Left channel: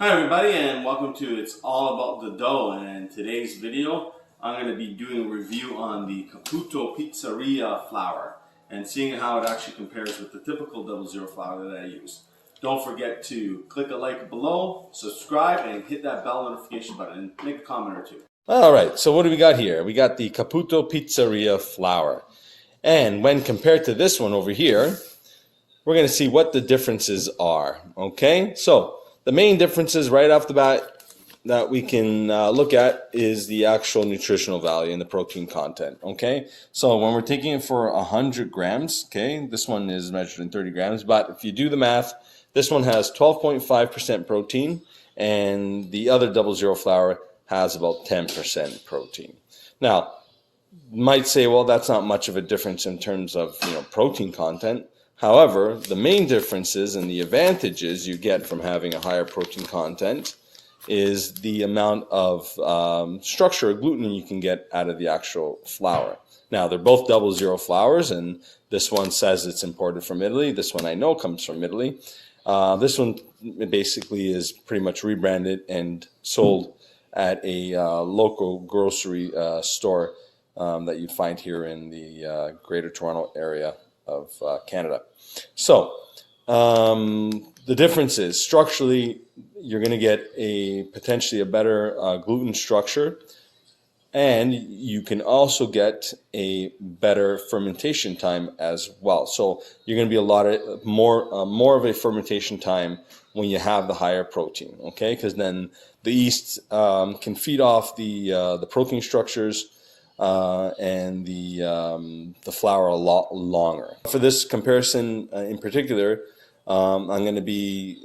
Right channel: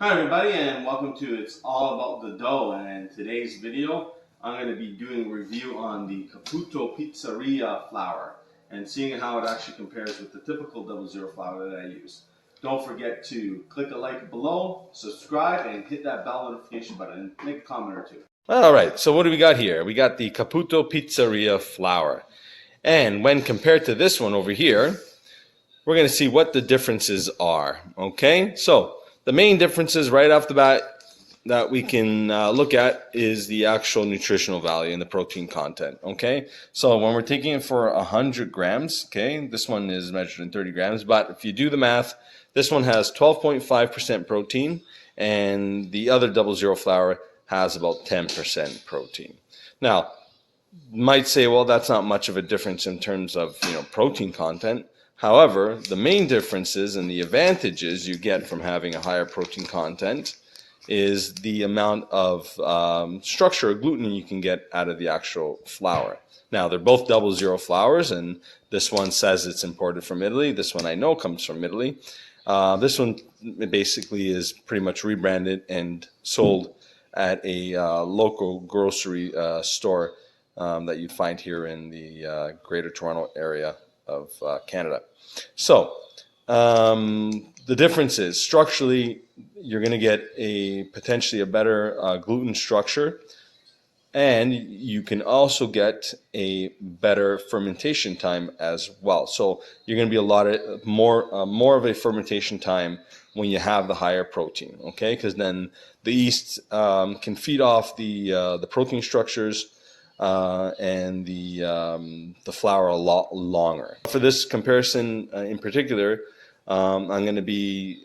Hi everybody, and welcome to It's All About the Dough. And in today's video I'm going to be doing a review on the Caputo Pizzeria flour and seeing how it actually compares with the typical 00 flour that I use. Don't forget to click a like below, subscribe, and hit that bell notification button and make a comment or two. Alright, so what do we got here? We got the Caputo Pizzeria flour. And when compared to this one over here, we're going to see what the differences are. Okay, so the main differences right off the bat that we can look at is the actual nutritional value and the protein content. Okay, so when we're taking it for 100 grams, okay, this one is measured in 30 grams, but if you do the math, this one has 12.5% protein and the other 00 flour has about 10% protein. Now, you might say, well, that's not much of a difference in terms of protein content. However, the main differences and the advantages you get from having a higher protein content is the amount of structure or gluten you can get out of the actual flour. Now, they're both 00 flours, and this one says it's imported from Italy. This one I know comes from Italy. This one basically is pretty much rebranded and sold at a local grocery store that you find here in the Greater Toronto area of Canada. So the difference is structurally you're going to get potentially a better gluten structure, and you can also get a better fermentation time as well. So you're going to be more of a fermentation time when you have the higher protein, okay? Because then the yeast can feed off the protein structures and the flour a lot longer. For this comparison in particular, we're going to be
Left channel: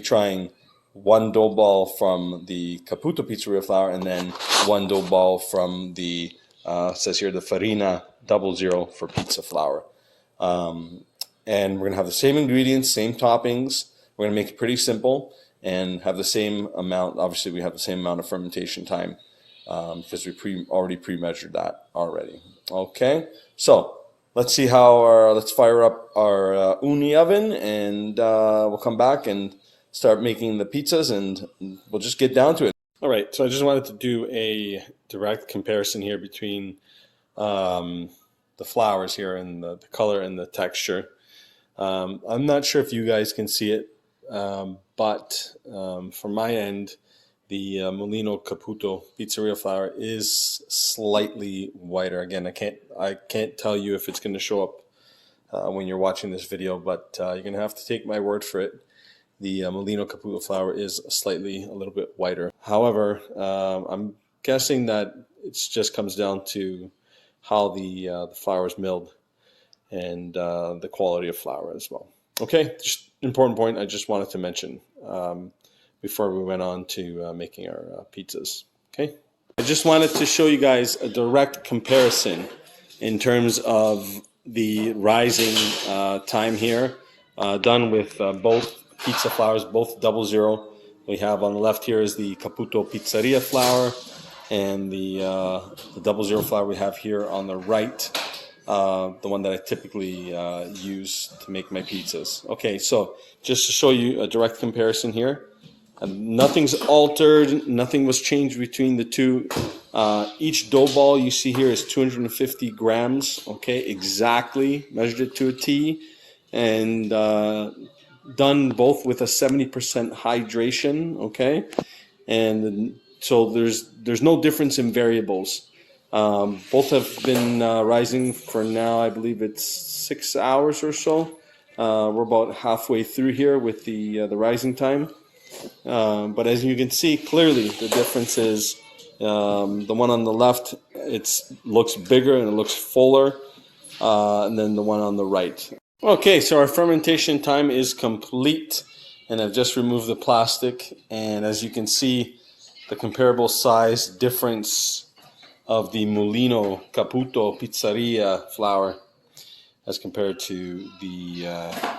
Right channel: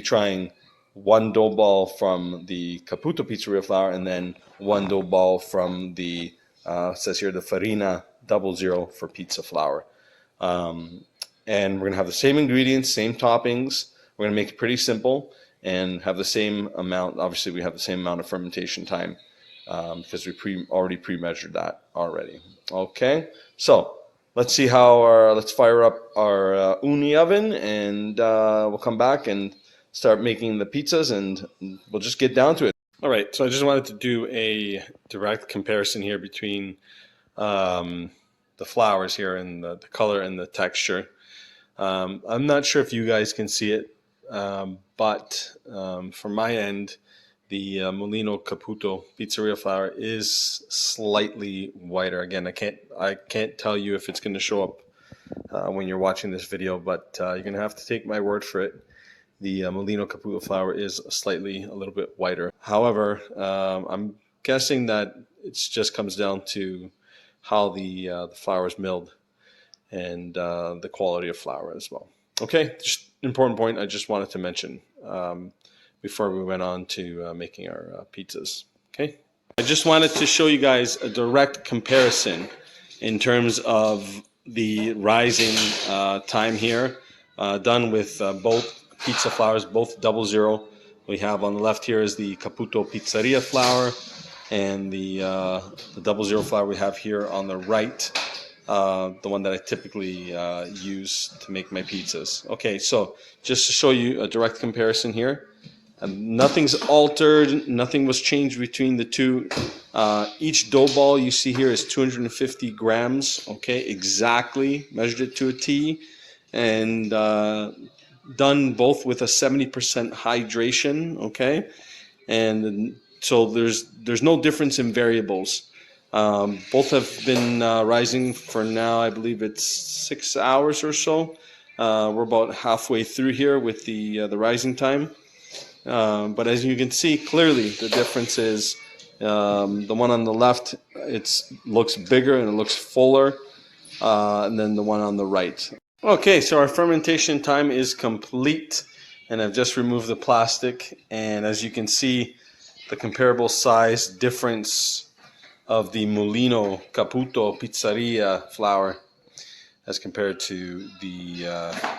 trying one dough ball from the Caputo Pizzeria flour and then one dough ball from the it says here the Farina 00 for pizza flour. And we're going to have the same ingredients, same toppings. We're going to make it pretty simple and have the same amount. Obviously, we have the same amount of fermentation time because we already pre-measured that already. Okay, so let's see how let's fire up our uni oven, and we'll come back and start making the pizzas, and we'll just get down to it. All right, so I just wanted to do a direct comparison here between the flours here and the color and the texture. I'm not sure if you guys can see it, but from my end, the Molino Caputo Pizzeria flour is slightly whiter. Again, I can't tell you if it's going to show up when you're watching this video, but you're going to have to take my word for it. The Molino Caputo flour is a little bit whiter. However, I'm guessing that it just comes down to how the flour is milled and the quality of flour as well. Okay, just an important point I just wanted to mention before we went on to making our pizzas. Okay, I just wanted to show you guys a direct comparison in terms of the rising time here, done with both pizza flours, both 00. We have on the left here is the Caputo Pizzeria flour, and the 00 flour we have here on the right, the one that I typically use to make my pizzas. Okay, so just to show you a direct comparison here, nothing's altered, nothing was changed between the two. Each dough ball you see here is 250 grams, okay, exactly, measured it to a T, and done both with a 70% hydration, okay, and so there's no difference in variables. Both have been rising for now, I believe it's 6 hours or so. We're about halfway through here with the rising time. But as you can see clearly, the difference is the one on the left, it looks bigger and it looks fuller than the one on the right. Okay, so our fermentation time is complete, and I've just removed the plastic, and as you can see, the comparable size difference of the Molino Caputo Pizzeria flour as compared to the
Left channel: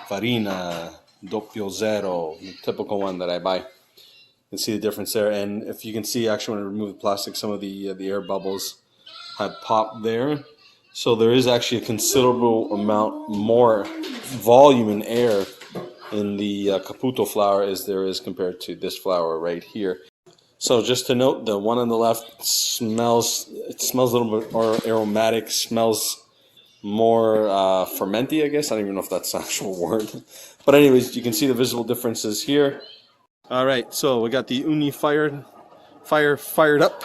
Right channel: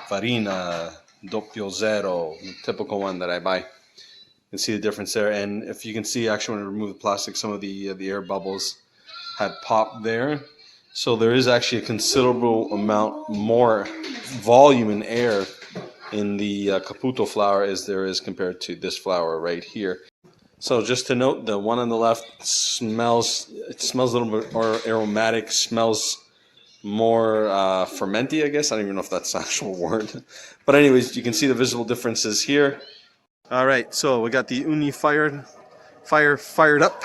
Farina 00, the typical one that I buy. You can see the difference there, and if you can see, actually when I remove the plastic, some of the air bubbles had popped there. So there is actually a considerable amount more volume in air in the Caputo flour as there is compared to this flour right here. So just to note, the one on the left smells a little bit more aromatic, smells more fermenty, I guess. I don't even know if that's an actual word. But anyways, you can see the visible differences here. All right, so we got the uni fired up,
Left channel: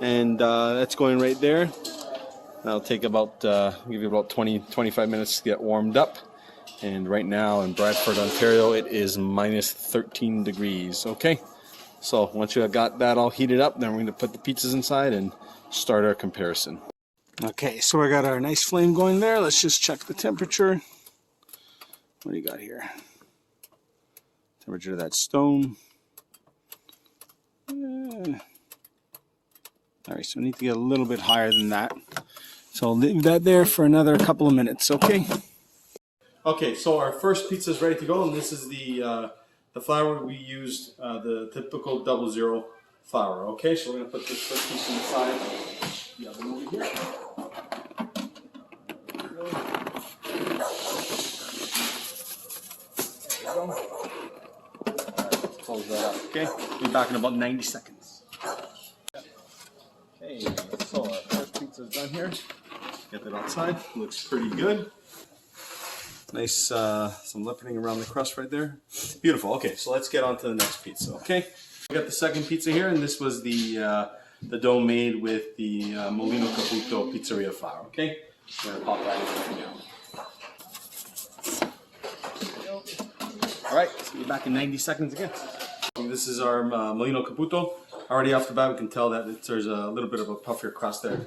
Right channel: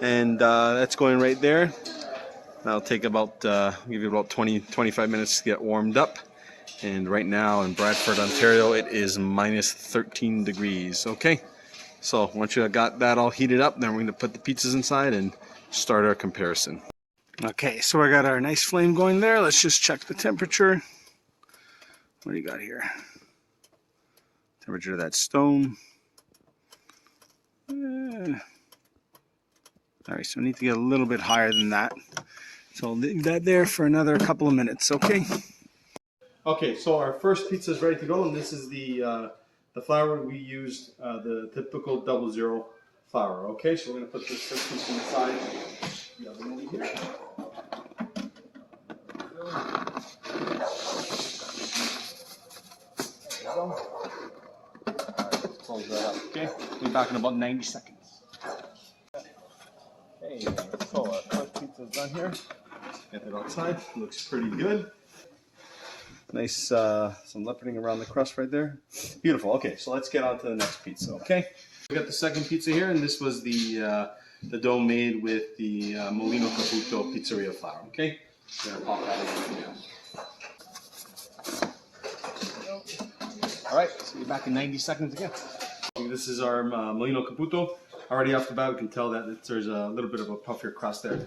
and that's going right there. That'll take about, give you about 20-25 minutes to get warmed up. And right now in Bradford, Ontario, it is minus 13 degrees, okay? So once you got that all heated up, then we're going to put the pizzas inside and start our comparison. Okay, so we got our nice flame going there. Let's just check the temperature. What do you got here? Temperature of that stone. Alright, so we need to get a little bit higher than that. So I'll leave that there for another couple of minutes, okay? Okay, so our first pizza is ready to go, and this is the flour we used, the typical 00 flour. Okay, so we're going to put this first piece inside the oven over here. Let's close that up, okay? Be back in about 90 seconds. Okay, so our first pizza is done here. Get that outside, looks pretty good. Nice, some leoparding around the crust right there. Beautiful. Okay, so let's get on to the next pizza, okay? We got the second pizza here, and this was the dough made with the Molino Caputo Pizzeria flour, okay? We're gonna pop that in now. All right, so be back in 90 seconds again. This is our Molino Caputo. Already off the bat, we can tell that there's a little bit of a puffier crust there.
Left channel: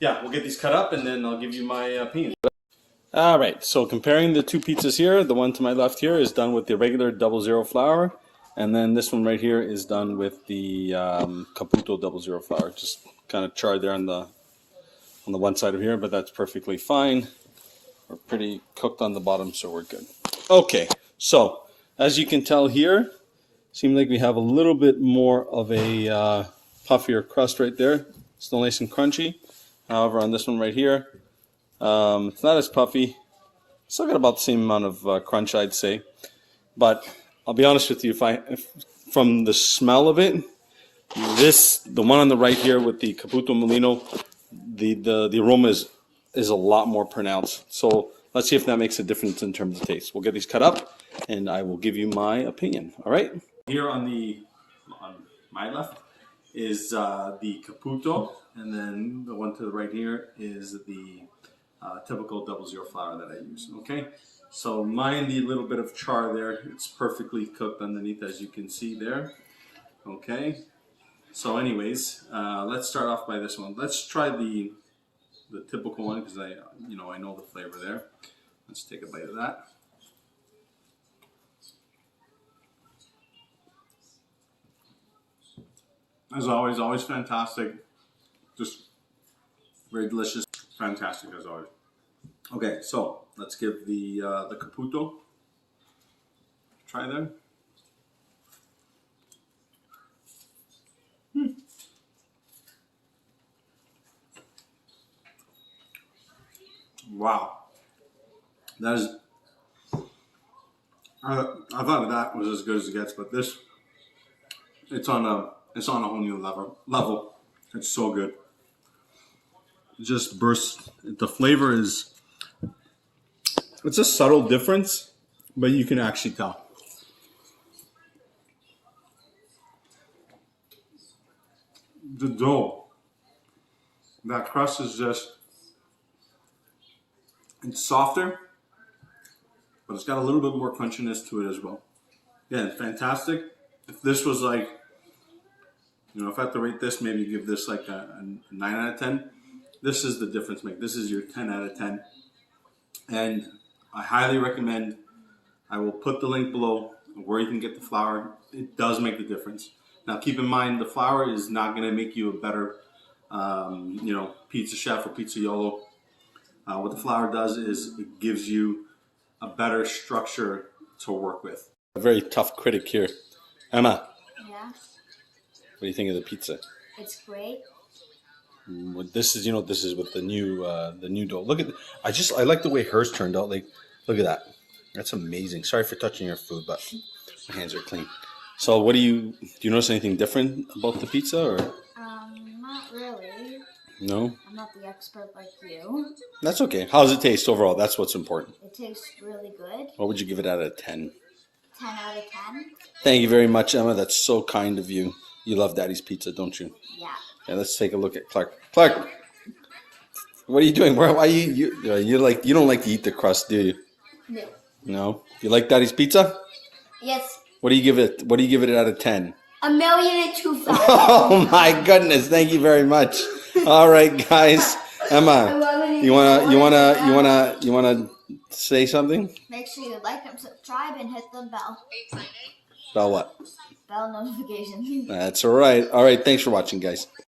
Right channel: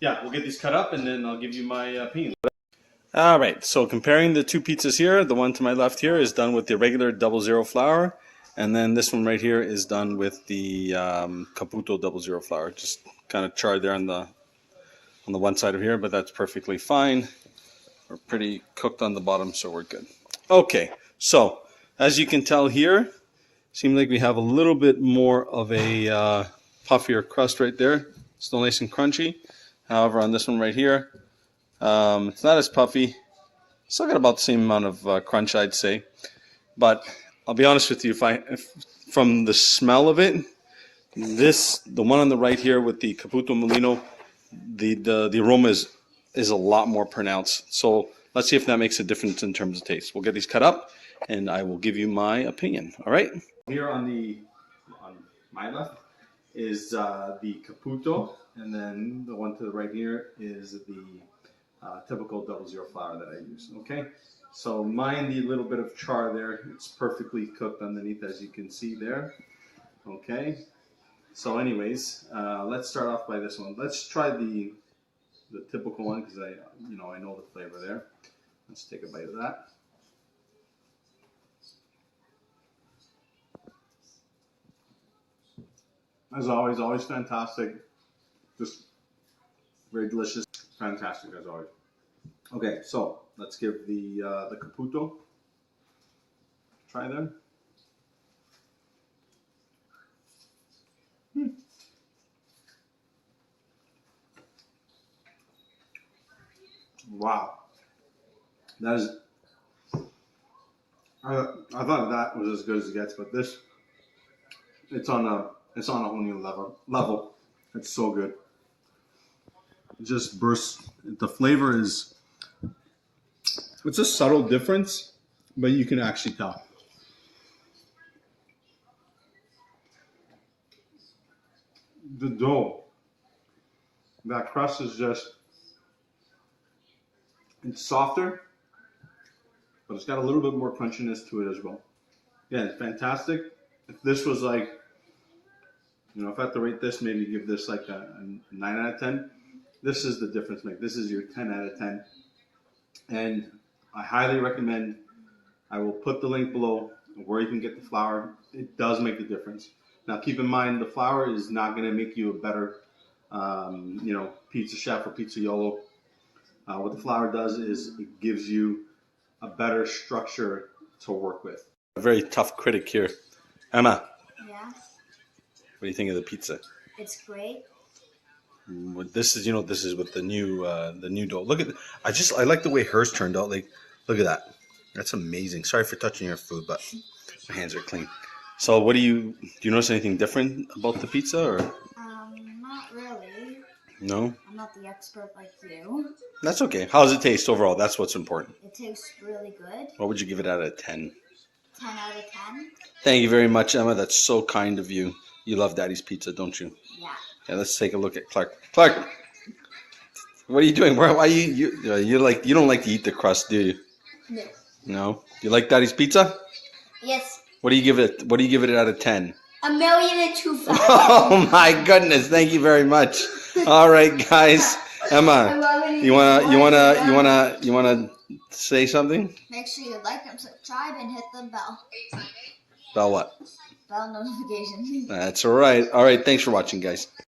Yeah, we'll get these cut up, and then I'll give you my opinion. Alright, so comparing the two pizzas here, the one to my left here is done with the regular 00 flour, and then this one right here is done with the Caputo 00 flour. Just kind of charred there on the one side of here, but that's perfectly fine. We're pretty cooked on the bottom, so we're good. Okay, so as you can tell here, seems like we have a little bit more of a puffier crust right there. Still nice and crunchy. However, on this one right here, it's not as puffy. Still got about the same amount of crunch, I'd say. But I'll be honest with you, if from the smell of it, the one on the right here with the Caputo Molino, the aroma is a lot more pronounced. So let's see if that makes a difference in terms of taste. We'll get these cut up, and I will give you my opinion. All right. Here on my left is the Caputo, and then the one to the right here is the typical 00 flour that I use. Okay, so mind the little bit of char there. It's perfectly cooked underneath, as you can see there. Okay, so anyways, let's start off by this one. Let's try the typical one, because I know the flavor there. Let's take a bite of that. As always fantastic. Just very delicious. Fantastic as always. Okay, so let's give the Caputo a try there. Wow, that is. I thought that was as good as it gets, but this, it's on a whole new level. It's so good. It just bursts. The flavor is, it's a subtle difference, but you can actually tell. The dough, that crust is just, it's softer, but it's got a little bit more crunchiness to it as well. Yeah, it's fantastic. If this was like, if I had to rate this, maybe give this like a 9 out of 10. This is the difference maker. This is your 10 out of 10. And I highly recommend, I will put the link below where you can get the flour. It does make the difference. Now keep in mind, the flour is not going to make you a better, pizza chef or pizzaiolo. What the flour does is it gives you a better structure to work with. A very tough critic here. Emma. Yeah, What do you think of the pizza? it's great. This is with the new dough. Look at, I like the way hers turned out. Like, look at that. That's amazing. Sorry for touching your food, but my hands are clean. So do you notice anything different about the pizza, or? Not really. No? I'm not the expert like you. That's okay. How does it taste overall? That's what's important. It tastes really good. What would you give it out of 10? 10 out of 10. Thank you very much, Emma. That's so kind of you. You love Daddy's Pizza, don't you? Yeah. Yeah, let's take a look at Clark. Clark, what are you doing? Why you don't like to eat the crust, do you? No. No. You like Daddy's Pizza? Yes. What do you give it? What do you give it out of 10? 1,002,000. Oh my goodness! Thank you very much. All right, guys. Emma, you wanna say something? Make sure you like and subscribe and hit the bell. About what? Bell notification. That's all right. All right. Thanks for watching, guys.